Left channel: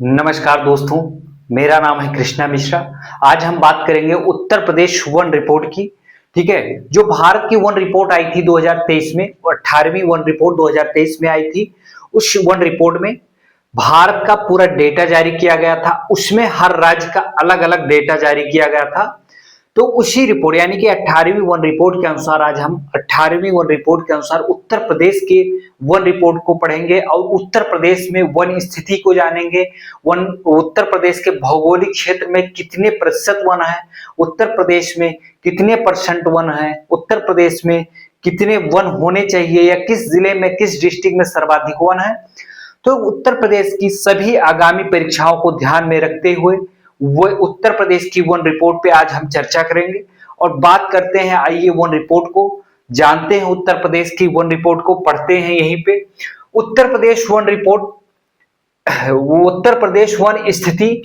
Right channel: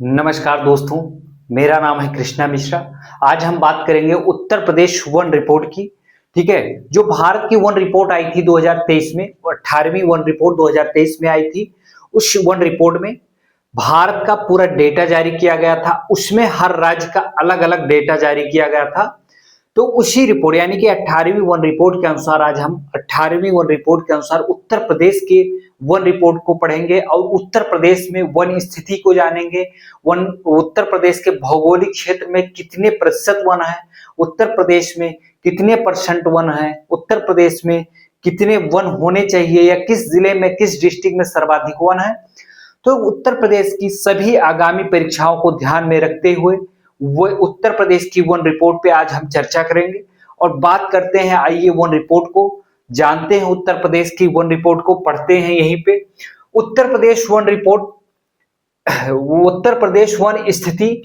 नमस्कार दोस्तों, मेरा नाम है कृष्णा मिश्रा। आज हम बात करेंगे उत्तर प्रदेश वन रिपोर्ट की। ठीक है, जो भारत की वन रिपोर्ट आई थी 2023 में, 18वीं वन रिपोर्ट 2023 में आई थी। उस वन रिपोर्ट में भारत का पूरा डेटा जारी किया गया था। उसमें हर राज्य का अलग अलग डेटा जारी किया गया था। तो उसी रिपोर्ट यानी कि 18वीं वन रिपोर्ट के अनुसार आज हम 18वीं वन रिपोर्ट के अनुसार उत्तर प्रदेश के वन रिपोर्ट को पढ़ेंगे और उत्तर प्रदेश में वन स्थिति को जानेंगे। वन उत्तर प्रदेश के भौगोलिक क्षेत्र में कितने प्रतिशत वन है, उत्तर प्रदेश में कितने परसेंट वन है, उत्तर प्रदेश में कितने वन होने चाहिए या किस जिले में किस डिस्ट्रिक्ट में सर्वाधिक वन है। तो उत्तर प्रदेश की सभी आगामी परीक्षाओं को ध्यान में रखते हुए वो उत्तर प्रदेश की वन रिपोर्ट पे आज हम चर्चा करेंगे और बात करते हैं। आइए वन रिपोर्ट को जानते हैं, उत्तर प्रदेश की वन रिपोर्ट को पढ़ते हैं। यहीं पे Uttar Pradesh one report, Uttar Pradesh one स्थिति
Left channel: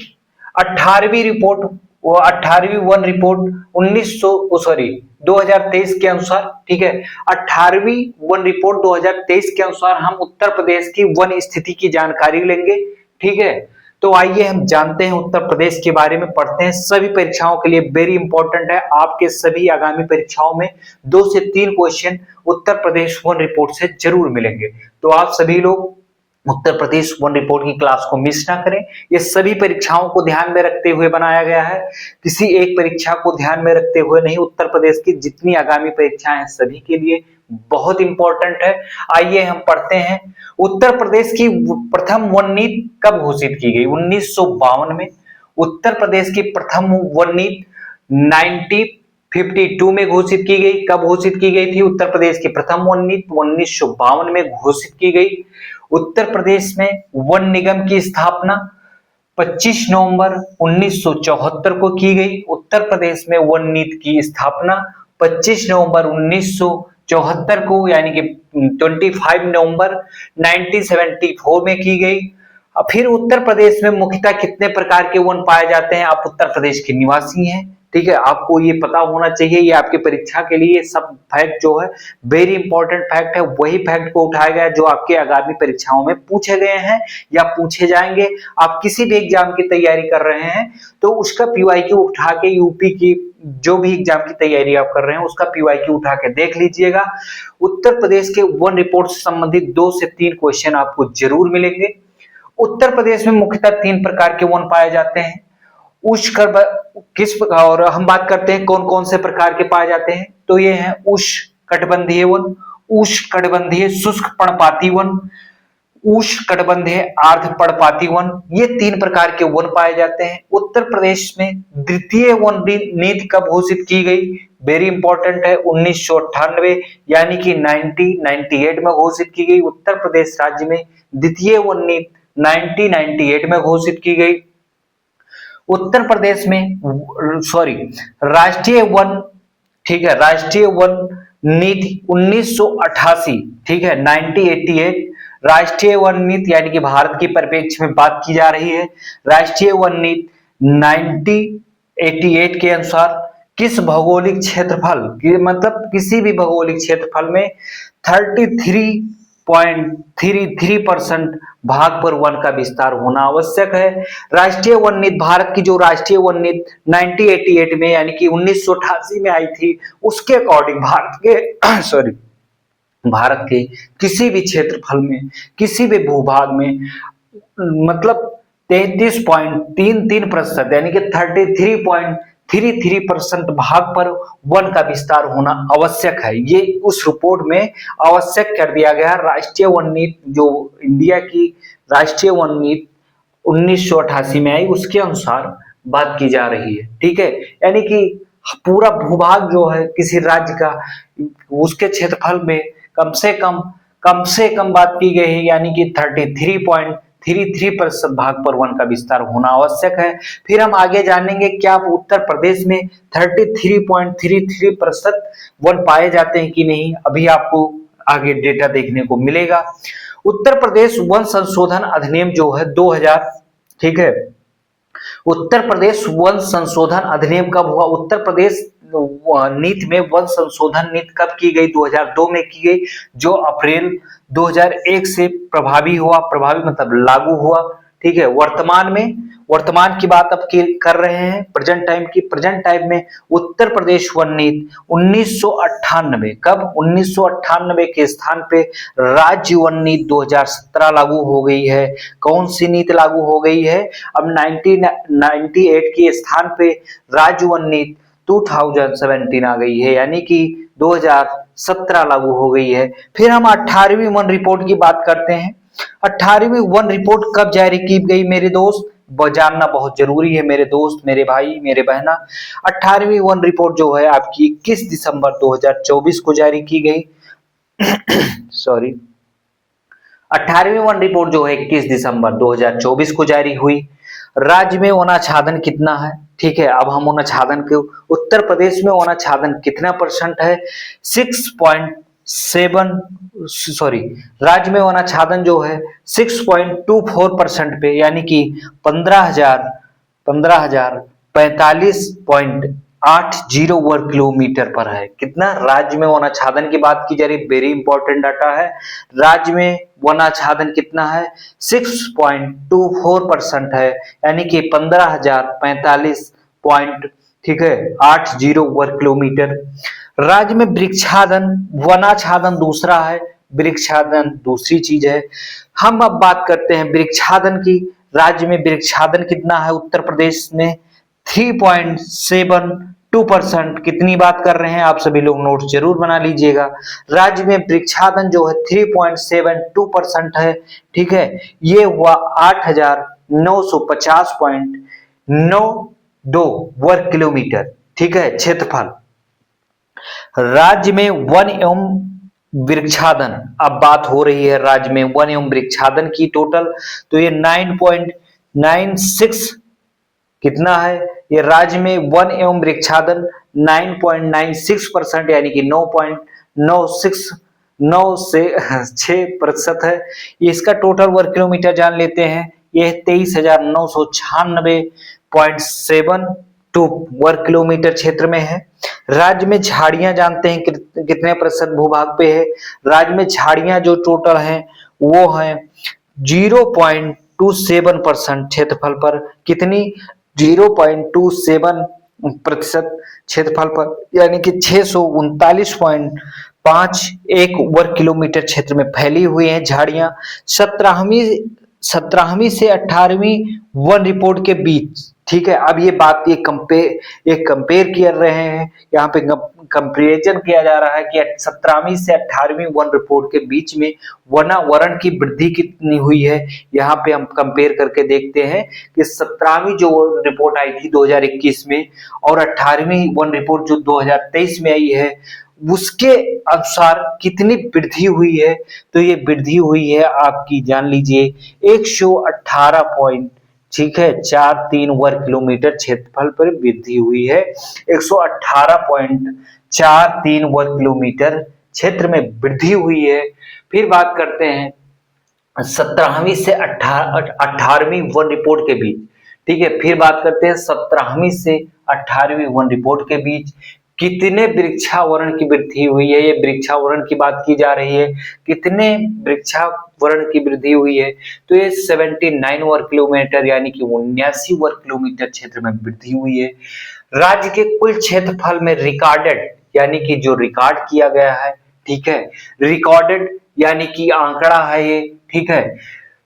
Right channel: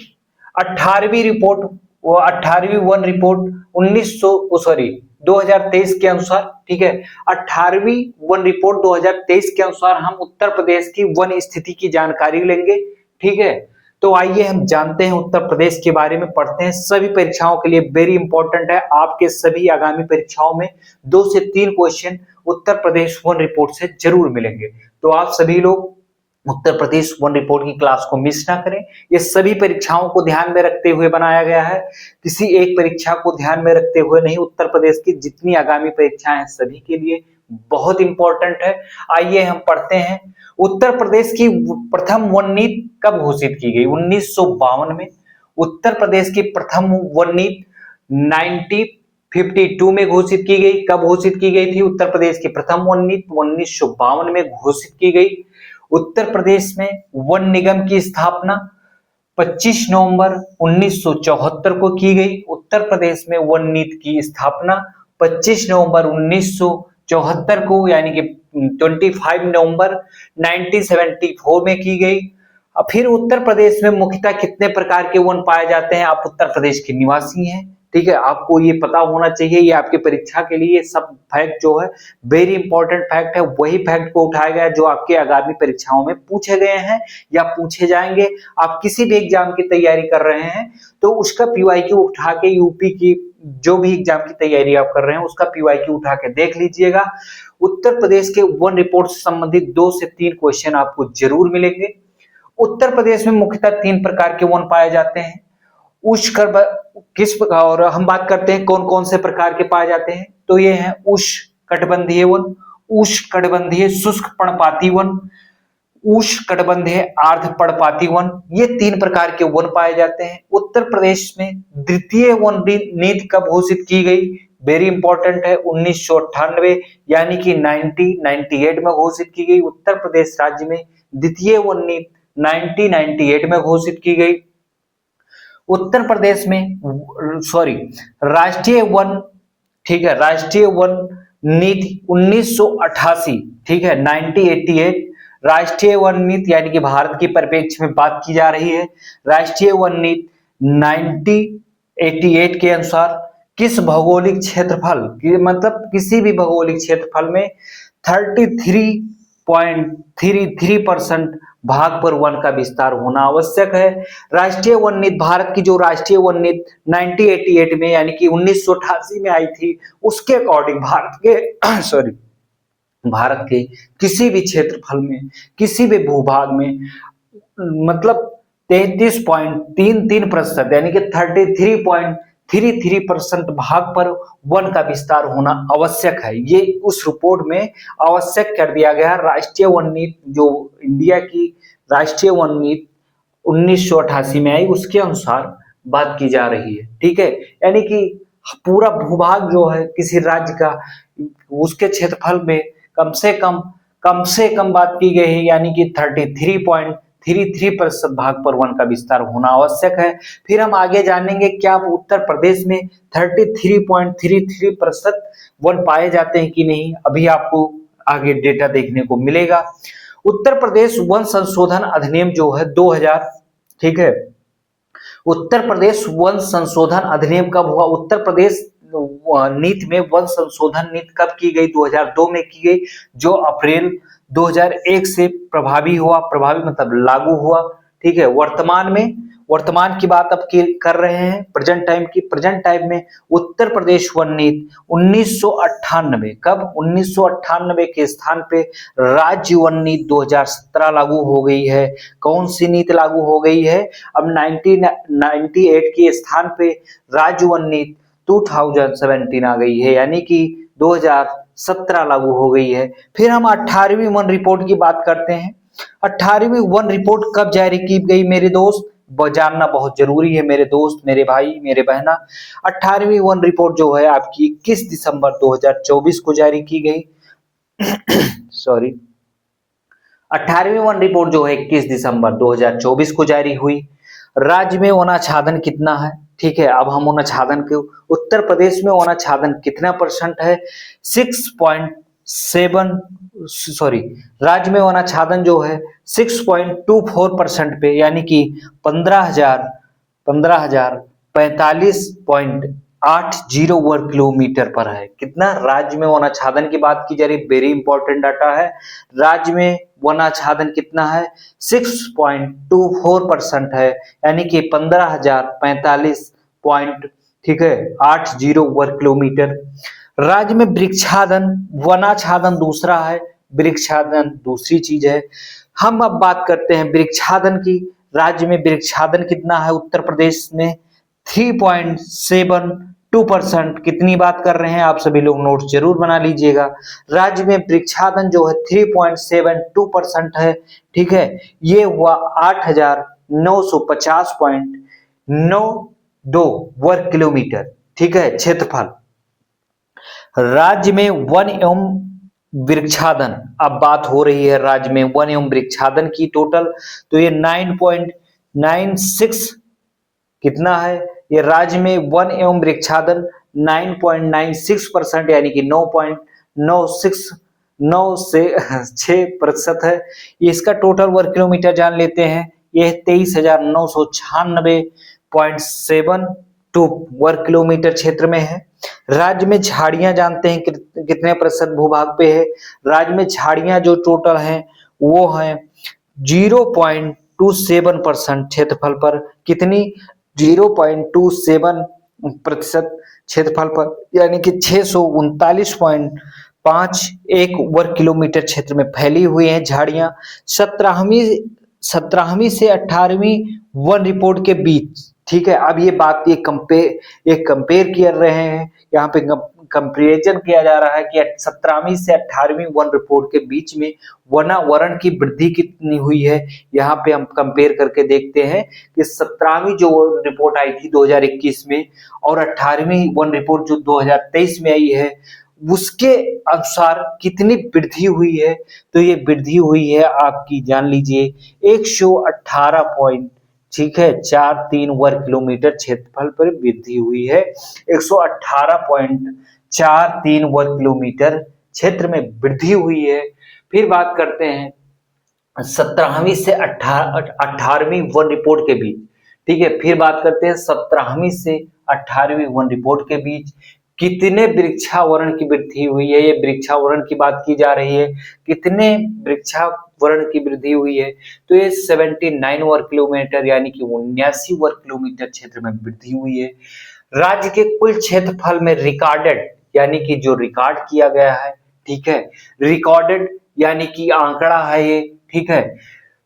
18वीं रिपोर्ट, वो 18वीं वन रिपोर्ट 2023 के अनुसार। ठीक है, 18वीं वन रिपोर्ट 2023 के अनुसार हम उत्तर प्रदेश की वन स्थिति की जानकारी लेंगे। ठीक है, तो आइए हम जानते हैं उत्तर प्रदेश के बारे में, पढ़ते हैं। सभी परीक्षाओं के लिए वेरी इंपॉर्टेंट है। आपके सभी आगामी परीक्षाओं में 2 से 3 question Uttar Pradesh one report से जरूर मिलेंगे। तो आप सभी लोग उत्तर प्रदेश वन रिपोर्ट की क्लास को मिस ना करें। ये सभी परीक्षाओं को ध्यान में रखते हुए बनाया गया है, किसी एक परीक्षा को ध्यान में रखते हुए नहीं। उत्तर प्रदेश की जितनी आगामी परीक्षाएं हैं सभी के लिए बहुत इंपॉर्टेंट है। आइए हम पढ़ते हैं। उत्तर प्रदेश की प्रथम वन नीति कब घोषित की गई? 1952 में। उत्तर प्रदेश की प्रथम वन नीति 1952 में घोषित की गई। कब घोषित की गई थी उत्तर प्रदेश की प्रथम वन नीति? 1952 में घोषित की गई। उत्तर प्रदेश में वन निगम की स्थापना 25 नवंबर 1974 को की गई। उत्तर प्रदेश में वन नीति की स्थापना 25 नवंबर 1974 को यानी कि 25 नवंबर 1974 में की गई। फिर उत्तर प्रदेश में मुख्यतः कितने प्रकार के वन पाए जाते हैं? आप उत्तर प्रदेश के निवासी हैं, ठीक है, आपको ये पता होना चाहिए। ये आपकी परीक्षा के लिए सब फैक्ट जो है वेरी इंपॉर्टेंट फैक्ट है। वही फैक्ट को उठाया गया जो आपके आगामी परीक्षाओं में पूछे गए हैं या पूछे जाएंगे। आप किसी भी एग्जाम की तैयारी कर रहे हैं तो उसका पीवाईक्यू उठा के, यूपी की जो भी एग्जाम की तैयारी आप कर रहे हैं उसका पीवाईक्यू उठा के देख लीजिएगा। उत्तर प्रदेश के वन रिपोर्ट से संबंधित 2 से 3 क्वेश्चन आपको जरूर मिलेंगे। उत्तर प्रदेश में मुख्यतः 3 प्रकार के वन पाए जाते हैं। उष्ण किस प्रकार, और हम बात करते हैं कौन कौन से प्रकार के पाए जाते हैं, तो ये है उष्णकटिबंधीय वन, उष्णकटिबंधीय शुष्क पर्णपाती वन, उष्णकटिबंधीय आर्द्र पर्णपाती वन। ये 3 प्रकार के वन पाए जाते हैं। उत्तर प्रदेश में द्वितीय वन नीति कब घोषित की गई? वेरी इंपॉर्टेंट है, 1998 यानी कि 1998 में घोषित की गई। उत्तर प्रदेश राज्य में द्वितीय वन नीति 1998 में घोषित की गई। उत्तर प्रदेश में राष्ट्रीय वन, ठीक है, राष्ट्रीय वन नीति 1988, ठीक है, 1988 राष्ट्रीय वन नीति यानी कि भारत की परिप्रेक्ष्य में बात की जा रही है। राष्ट्रीय वन नीति 1988 के अनुसार किस भौगोलिक क्षेत्रफल मतलब किसी भी भौगोलिक क्षेत्रफल में 33.33% भाग पर वन का विस्तार होना आवश्यक है। राष्ट्रीय वन नीति, भारत की जो राष्ट्रीय वन नीति 1988 में यानी कि 1988 में आई थी, उसके अकॉर्डिंग भारत के किसी भी क्षेत्रफल में, किसी भी भूभाग में मतलब 33.33% यानी कि 33.33% भाग पर वन का विस्तार होना आवश्यक है। ये उस रिपोर्ट में आवश्यक कर दिया गया। राष्ट्रीय वन नीति, जो इंडिया की राष्ट्रीय वन नीति 1988 में आई, उसके अनुसार बात की जा रही है। ठीक है, यानी कि पूरा भूभाग जो है किसी राज्य का, उसके क्षेत्रफल में कम से कम बात की गई है, यानी कि 33.33% भाग पर वन का विस्तार होना आवश्यक है। फिर हम आगे जानेंगे क्या उत्तर प्रदेश में 33.33% वन पाए जाते हैं कि नहीं। अभी आपको आगे डेटा देखने को मिलेगा। उत्तर प्रदेश वन संशोधन अधिनियम जो है 2000, ठीक है, उत्तर प्रदेश वन संशोधन अधिनियम कब हुआ? उत्तर प्रदेश नीति में वन संशोधन नीति कब की गई? 2002 में की गई, जो अप्रैल 2001 से प्रभावी हुआ। प्रभावी मतलब लागू हुआ। ठीक है, वर्तमान की बात अब कर रहे हैं, प्रेजेंट टाइम की। प्रेजेंट टाइम में उत्तर प्रदेश वन नीति 1998, कब 1998 के स्थान पे राज्य वन नीति 2017 लागू हो गई है। कौन सी नीति लागू हो गई है? अब 1998 के स्थान पे राज्य वन नीति 2017 आ गई है, यानी कि 2017 लागू हो गई है। फिर हम 18वीं वन रिपोर्ट की बात करते हैं। 18वीं वन रिपोर्ट कब जारी की गई मेरे दोस्त? जानना बहुत जरूरी है मेरे दोस्त, मेरे भाई, मेरे बहना। 18वीं वन रिपोर्ट जो है आपकी 21 दिसंबर 2024 को जारी की गई। सॉरी, 18वीं वन रिपोर्ट जो है 21 दिसंबर 2024 को जारी हुई। राज्य में वनाच्छादन कितना है? ठीक है, अब हम वनाच्छादन के, उत्तर प्रदेश में वनाच्छादन कितना परसेंट है? 6.7, सॉरी, राज्य में वनाच्छादन जो है 6.24% पे, यानी कि 15,045.80 वर्ग किलोमीटर पर है। कितना? राज्य में वनाच्छादन की बात की जा रही, वेरी इंपॉर्टेंट डाटा है। राज्य में वनाच्छादन कितना है? 6.24% है, यानी कि 15,045 पॉइंट, ठीक है, 80 वर्ग किलोमीटर। राज्य में वृक्षादन, वनाच्छादन दूसरा है, वृक्षादन दूसरी चीज है। हम अब बात करते हैं वृक्षादन की। राज्य में वृक्षादन कितना है? उत्तर प्रदेश में 3.72%। कितनी बात कर रहे हैं? आप सभी लोग नोट जरूर बना लीजिएगा। राज्य में वृक्षादन जो है 3.72% है, ठीक है। ये हुआ 8,950.92 वर्ग किलोमीटर, ठीक है, क्षेत्रफल। राज्य में वन एवं वृक्षादन, अब बात हो रही है राज्य में वन एवं वृक्षादन की टोटल, तो ये 9.96 कितना है? ये राज्य में वन एवं वृक्षादन 9.96%, यानी कि 9.96 है। इसका टोटल वर्ग किलोमीटर जान लेते हैं, यह 23,996.72 वर्ग किलोमीटर क्षेत्र में है। राज्य में झाड़ियां जानते हैं कितने प्रतिशत भूभाग पे है? राज्य में झाड़ियां जो टोटल हैं वो हैं 0.27% क्षेत्रफल पर। कितनी? 0.27% क्षेत्रफल पर, यानी कि 639.51 वर्ग किलोमीटर क्षेत्र में फैली हुई हैं झाड़ियां। 17वीं से 18वीं वन रिपोर्ट के बीच, ठीक है। अब ये बात ये कंपेयर कर रहे हैं, यहाँ पे कंपेरिजन किया जा रहा है कि 17वीं से 18वीं वन रिपोर्ट के बीच में वनावरण की वृद्धि कितनी हुई है। यहाँ पे हम कंपेयर करके देखते हैं कि 17वीं जो रिपोर्ट आई थी 2021 में और 18वीं वन रिपोर्ट जो 2023 में आई है, उसके अनुसार कितनी वृद्धि हुई है। तो ये वृद्धि हुई है आपकी, जान लीजिए, 118 पॉइंट, ठीक है, 43 वर्ग किलोमीटर क्षेत्रफल पर वृद्धि हुई है। 118.43 वर्ग किलोमीटर क्षेत्र में वृद्धि हुई है। फिर बात करते हैं 17वीं से 18वीं वन रिपोर्ट के बीच, ठीक है। फिर बात करते हैं 17वीं से 18वीं वन रिपोर्ट के बीच कितने वृक्षावरण की वृद्धि हुई है। ये वृक्षावरण की बात की जा रही है, कितने वृक्षावरण की वृद्धि हुई है। तो ये 79 वर्ग किलोमीटर, यानी कि 79 वर्ग किलोमीटर क्षेत्र में वृद्धि हुई है। राज्य के कुल क्षेत्रफल में रिकॉर्डेड, यानी कि जो रिकॉर्ड किया गया है, ठीक है, रिकॉर्डेड यानी कि आंकड़ा है ये, ठीक है।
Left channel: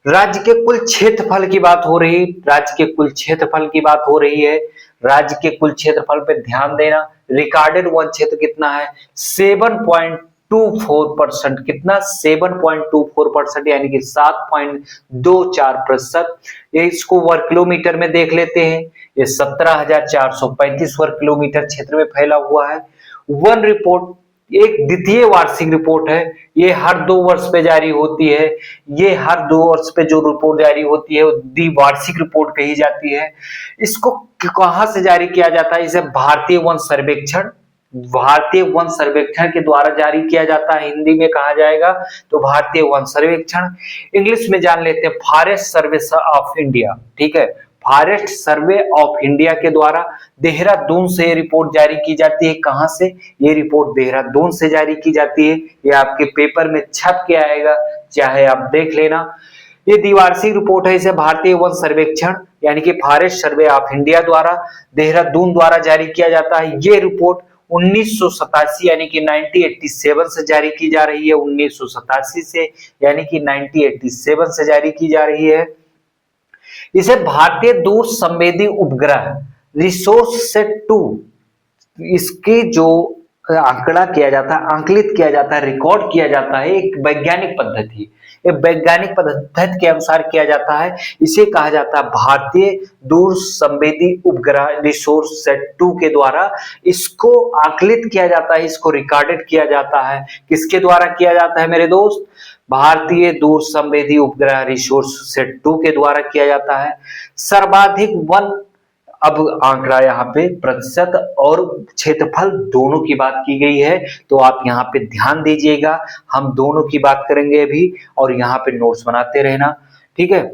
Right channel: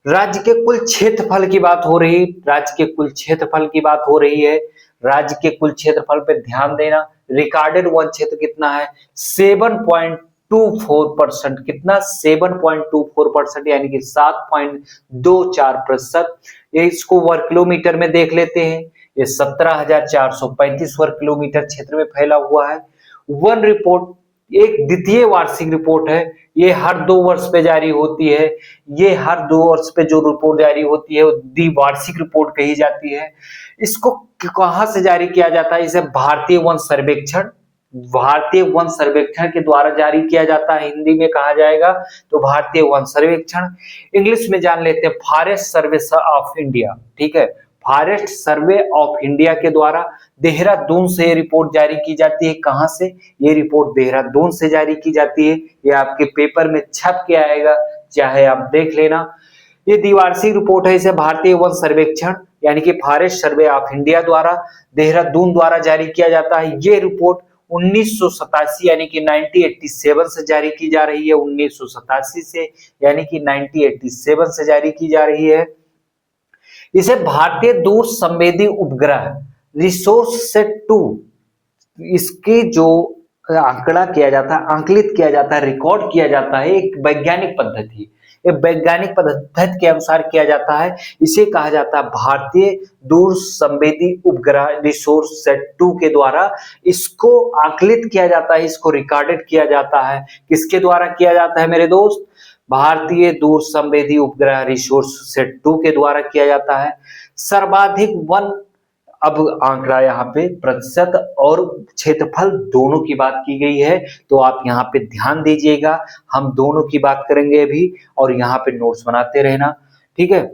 राज्य के कुल क्षेत्रफल की बात हो रही, राज्य के कुल क्षेत्रफल की बात हो रही है। राज्य के कुल क्षेत्रफल पे ध्यान देना। रिकॉर्डेड वन क्षेत्र कितना है? 7.24%। कितना? 7.24%, यानी कि 7.24%। ये इसको वर्ग किलोमीटर में देख लेते हैं। ये 17,435 वर्ग किलोमीटर क्षेत्र में फैला हुआ है। वन रिपोर्ट एक द्वितीय वार्षिक रिपोर्ट है, ये हर 2 वर्ष पे जारी होती है। ये हर 2 वर्ष पे जो रिपोर्ट जारी होती है वो द्विवार्षिक रिपोर्ट कही जाती है। इसको कहां से जारी किया जाता है? इसे भारतीय वन सर्वेक्षण के द्वारा जारी किया जाता है। हिंदी में कहा जाएगा तो भारतीय वन सर्वेक्षण। इंग्लिश में जान लेते हैं फॉरेस्ट सर्वे ऑफ इंडिया, ठीक है। फॉरेस्ट सर्वे ऑफ इंडिया के द्वारा देहरादून से ये रिपोर्ट जारी की जाती है। कहां से? ये रिपोर्ट देहरादून से जारी की जाती है। ये आपके पेपर में छप के आएगा, चाहे आप देख लेना। ये द्विवार्षिक रिपोर्ट है, इसे भारतीय वन सर्वेक्षण यानी कि फॉरेस्ट सर्वे ऑफ इंडिया द्वारा देहरादून द्वारा जारी किया जाता है। ये रिपोर्ट 1987 यानी कि 1987 से जारी की जा रही है, 1987 से यानी कि 1987 से जारी की जा रही है। इसे भारतीय दूर संवेदी उपग्रह रिसोर्स सेट 2, इसकी जो आंकड़ा किया जाता है, आंकलित किया जाता है, रिकॉर्ड किया जाता है, एक वैज्ञानिक पद्धति, एक वैज्ञानिक पद्धति के अनुसार किया जाता है। इसे कहा जाता है भारतीय दूर संवेदी उपग्रह रिसोर्स सेट 2 के द्वारा इसको आंकलित किया जाता है, इसको रिकॉर्डेड किया जाता है। किसके द्वारा किया जाता है मेरे दोस्त? भारतीय दूर संवेदी उपग्रह रिसोर्स सेट 2 के द्वारा किया जाता है। सर्वाधिक वन, अब आंकड़ा यहाँ पे प्रतिशत और क्षेत्रफल दोनों की बात की गई है, तो आप यहाँ पे ध्यान दीजिएगा, हम दोनों की बात करेंगे अभी और यहाँ पे नोट्स बनाते रहना, ठीक है।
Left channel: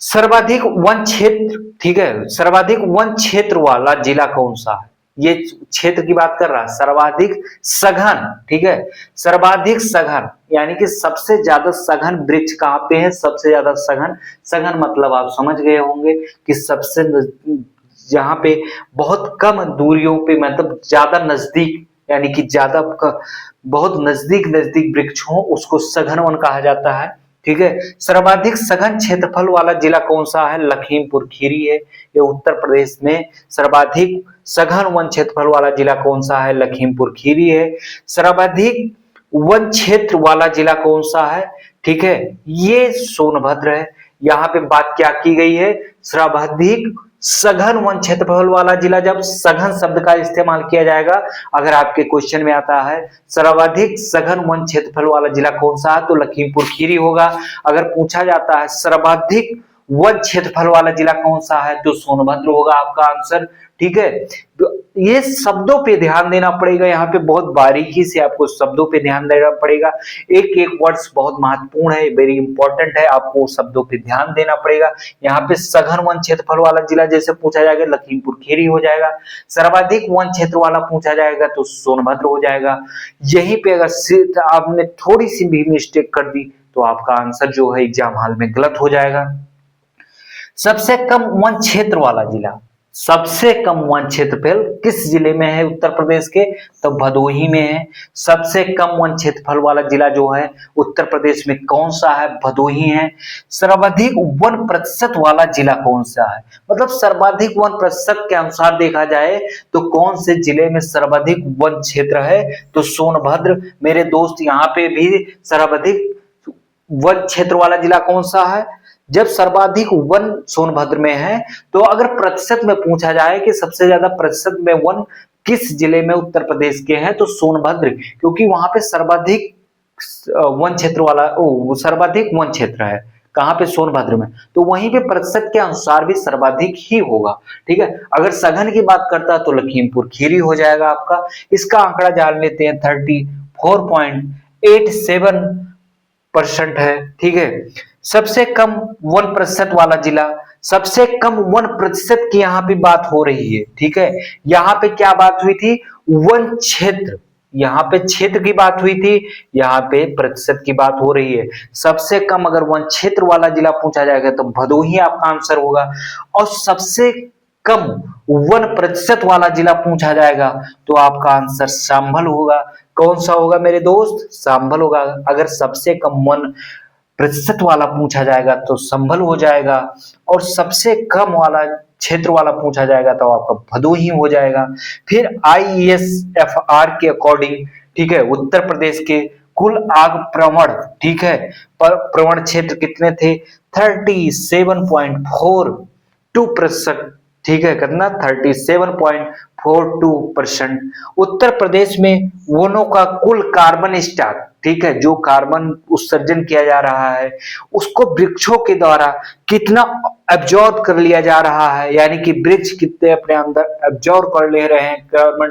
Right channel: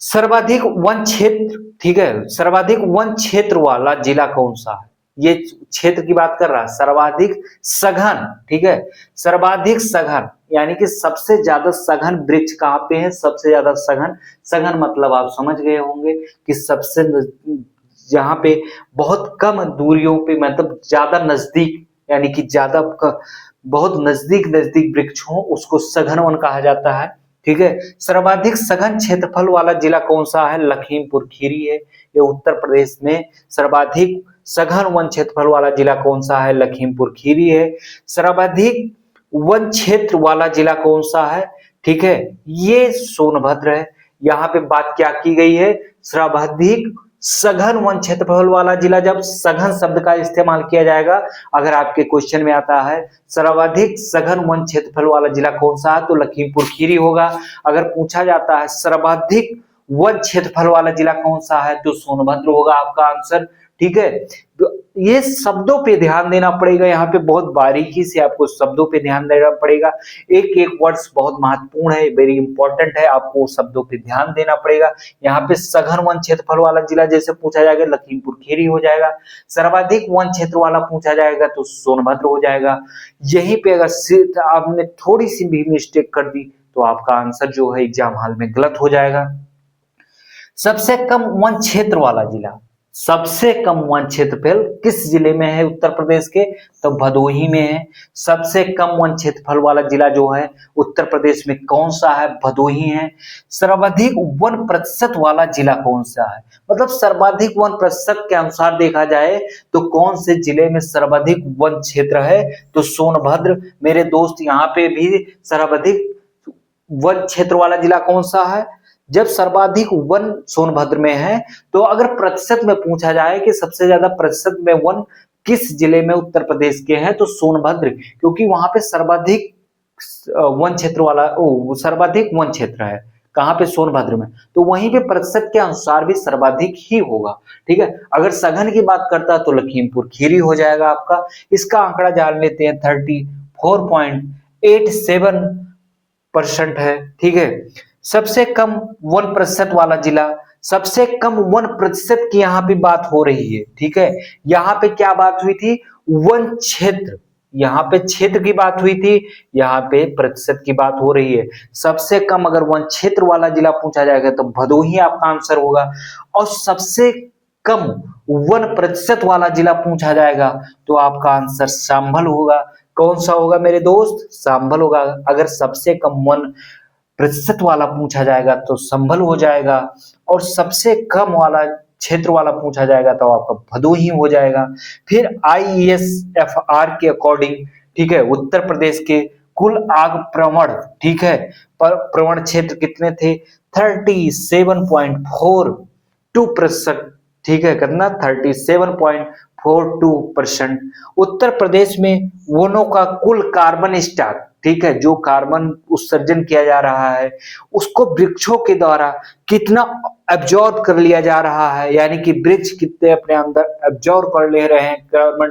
सर्वाधिक वन क्षेत्र, ठीक है, सर्वाधिक वन क्षेत्र वाला जिला कौन सा है? ये क्षेत्र की बात कर रहा है। सर्वाधिक सघन, ठीक है, सर्वाधिक सघन यानी कि सबसे ज्यादा सघन वृक्ष कहाँ पे है? सबसे ज्यादा सघन, सघन मतलब आप समझ गए होंगे कि सबसे जहां पे बहुत कम दूरियों पे, मतलब ज्यादा नजदीक, यानी कि ज्यादा बहुत नजदीक नजदीक वृक्ष हो, उसको सघन वन कहा जाता है, ठीक है। सर्वाधिक सघन क्षेत्रफल वाला जिला कौन सा है? लखीमपुर खीरी है। ये उत्तर प्रदेश में सर्वाधिक सघन वन क्षेत्रफल वाला जिला कौन सा है? लखीमपुर खीरी है। सर्वाधिक वन क्षेत्र वाला जिला कौन सा है? ठीक है, ये सोनभद्र है। यहाँ पे बात क्या की गई है? सर्वाधिक सघन वन क्षेत्रफल वाला जिला, जब सघन शब्द का इस्तेमाल किया जाएगा, अगर आपके क्वेश्चन में आता है सर्वाधिक सघन वन क्षेत्रफल वाला जिला कौन सा है, तो लखीमपुर खीरी होगा। अगर पूछा जाता है सर्वाधिक वन क्षेत्रफल वाला जिला कौन सा है, तो सोनभद्र होगा आपका आंसर, ठीक है। तो ये शब्दों पे ध्यान देना पड़ेगा, यहाँ पे बहुत बारीकी से आपको शब्दों पे ध्यान देना पड़ेगा। एक एक वर्ड्स बहुत महत्वपूर्ण है, वेरी इंपॉर्टेंट है, आपको शब्दों पे ध्यान देना पड़ेगा। यहाँ पे सघन वन क्षेत्रफल वाला जिला जैसे पूछा जाएगा, लखीमपुर खीरी हो जाएगा। सर्वाधिक वन क्षेत्र वाला पूछा जाएगा तो सोनभद्र हो जाएगा। यहीं पे अगर आपने थोड़ी सी भी मिस्टेक कर दी तो आपका आंसर जो है एग्जाम हॉल में गलत हो जाएगा। सबसे कम वन क्षेत्र वाला जिला, सबसे कम वन क्षेत्रफल किस जिले में है उत्तर प्रदेश के? तो भदोही में है। सबसे कम वन क्षेत्रफल वाला जिला जो है उत्तर प्रदेश में कौन सा है? भदोही है। सर्वाधिक वन प्रतिशत वाला जिला कौन सा है? मतलब सर्वाधिक वन प्रतिशत के अनुसार देखा जाए तो कौन से जिले में सर्वाधिक वन क्षेत्र है? तो सोनभद्र। मेरे दोस्त यहाँ पे भी सर्वाधिक वन क्षेत्र वाला जिला कौन सा है? जब सर्वाधिक वन सोनभद्र में है, तो अगर प्रतिशत में पूछा जाए कि सबसे ज्यादा प्रतिशत में वन किस जिले में उत्तर प्रदेश के हैं, तो सोनभद्र, क्योंकि वहां पे सर्वाधिक वन क्षेत्र वाला सर्वाधिक वन क्षेत्र है। कहां पे? सोनभद्र में। तो वहीं पे प्रतिशत के अनुसार भी सर्वाधिक ही होगा, ठीक है। अगर सघन की बात करता तो लखीमपुर खीरी हो जाएगा आपका। इसका आंकड़ा जान लेते हैं, 34.87% है, ठीक है। सबसे कम वन प्रतिशत वाला जिला, सबसे कम वन प्रतिशत की यहाँ पे बात हो रही है, ठीक है। यहाँ पे क्या बात हुई थी? वन क्षेत्र, यहाँ पे क्षेत्र की बात हुई थी, यहाँ पे प्रतिशत की बात हो रही है। सबसे कम अगर वन क्षेत्र वाला जिला पूछा जाएगा तो भदोही आपका आंसर होगा, और सबसे कम वन प्रतिशत वाला जिला पूछा जाएगा तो आपका आंसर संभल होगा। कौन सा होगा मेरे दोस्त? संभल होगा। अगर सबसे कम वन प्रतिशत वाला पूछा जाएगा तो संभल हो जाएगा, और सबसे कम वाला क्षेत्र वाला पूछा जाएगा तो आपका भदोही हो जाएगा। फिर ISFR के अकॉर्डिंग, ठीक है, उत्तर प्रदेश के कुल आग प्रवण, ठीक है, पर प्रवण क्षेत्र कितने थे? 37.42%, ठीक है, कितना? 37.42%। उत्तर प्रदेश में वनों का कुल कार्बन स्टॉक, ठीक है, जो कार्बन उत्सर्जन किया जा रहा है उसको वृक्षों के द्वारा कितना एब्जॉर्ब कर लिया जा रहा है, यानी कि वृक्ष कितने अपने अंदर एब्जॉर्ब कर ले रहे हैं कार्बन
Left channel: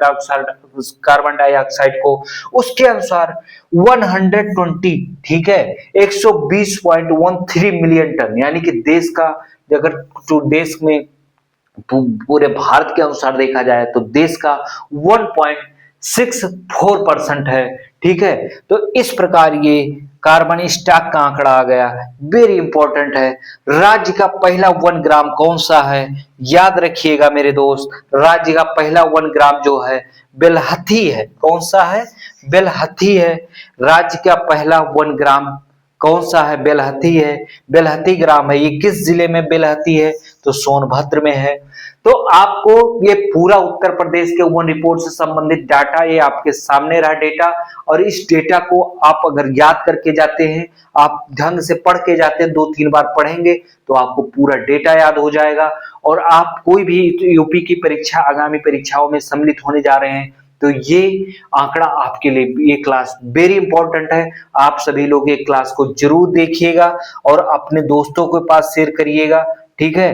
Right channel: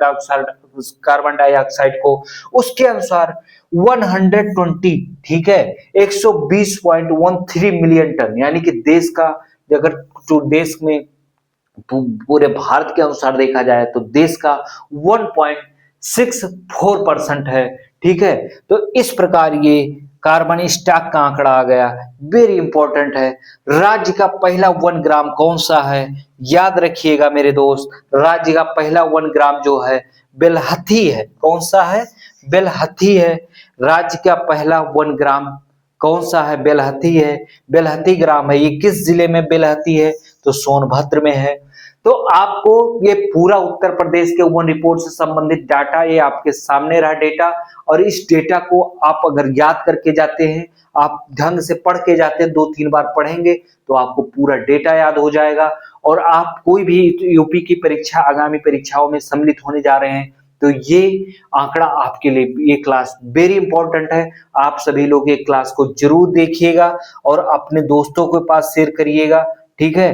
डाइऑक्साइड को, उसके अनुसार 120, ठीक है, 120.13 मिलियन टन, यानी कि देश का, अगर तो देश में पूरे भारत के अनुसार देखा जाए तो देश का 1.64% है, ठीक है। तो इस प्रकार ये कार्बन स्टॉक का आंकड़ा आ गया, वेरी इंपॉर्टेंट है। राज्य का पहला 1 ग्राम कौन सा है? याद रखिएगा मेरे दोस्त, राज्य का पहला 1 ग्राम जो है बेलहथी है। कौन सा है? बेलहथी है। राज्य का पहला 1 ग्राम कौन सा है? बेलहती है। बेलहती ग्राम है। ये किस जिले में बेलहती है? तो सोनभद्र में है। तो आपको ये पूरा उत्तर प्रदेश के वन रिपोर्ट से संबंधित डाटा ये आपके सामने रहा डेटा, और इस डेटा को आप अगर याद करके जाते हैं, आप ढंग से पढ़ के जाते हैं, 2-3 बार पढ़ेंगे तो आपको पूरा डेटा याद हो जाएगा। और आप कोई भी यूपी की परीक्षा, आगामी परीक्षाओं में सम्मिलित होने जा रहे हैं तो ये आंकड़ा आपके लिए, ये क्लास वेरी इंपॉर्टेंट है। आप सभी लोग ये क्लास को जरूर देखिएगा और अपने दोस्तों के पास शेयर करिएगा, ठीक है?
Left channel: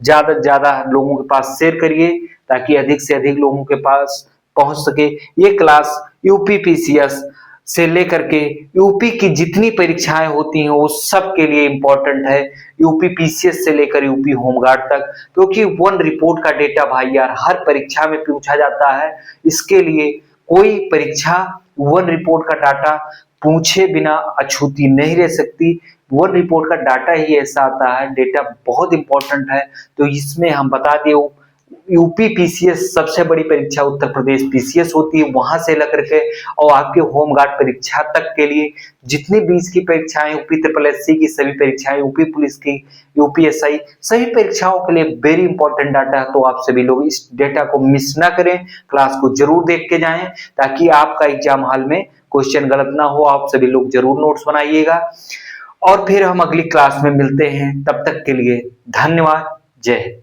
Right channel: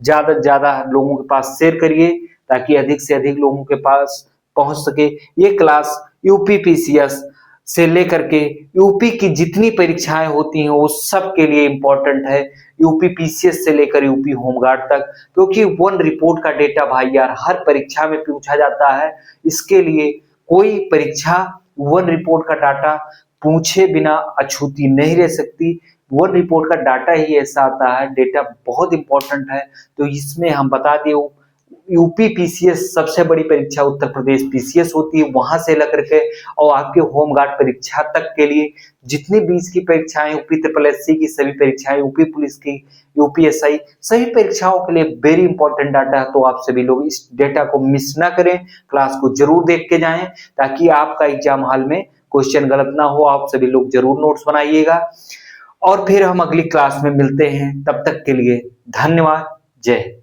ज्यादा से ज्यादा लोगों के पास शेयर करिए ताकि अधिक से अधिक लोगों के पास पहुंच सके। ये क्लास यूपी पीसीएस से लेकर के यूपी की जितनी परीक्षाएं होती हैं वो सब के लिए इंपॉर्टेंट है, यूपी पीसीएस से लेकर यूपी होमगार्ड तक, क्योंकि वन रिपोर्ट का डेटा भाई यार हर परीक्षा में पूछा जाता है। इसके लिए कोई परीक्षा वन रिपोर्ट का डाटा पूछे बिना अछूती नहीं रह सकती। वन रिपोर्ट का डाटा ही ऐसा आता है, डेटा बहुत इंपॉर्टेंट है। तो इसमें हम बता दें, यूपी पीसीएस सबसे बड़ी परीक्षा उत्तर प्रदेश पीसीएस होती है, वहां से लेकर के और आपके होमगार्ड परीक्षा तक के लिए जितनी 20 की परीक्षाएं, यूपी ट्रिपल एससी की सभी परीक्षाएं, यूपी पुलिस की, यूपीएसआई, सभी परीक्षाओं के लिए वेरी इंपॉर्टेंट डाटा है। तो आप सभी लोग इस डेटा को मिस ना करें, क्लास को जरूर देख के जाएं ताकि आपका एग्जाम हॉल में क्वेश्चन गलत ना हो। आप सभी लोग जरूर नोट्स बनाइएगा और फिर हम अगली क्लास में मिलते हैं। तब तक के लिए धन्यवाद। जय हिंद।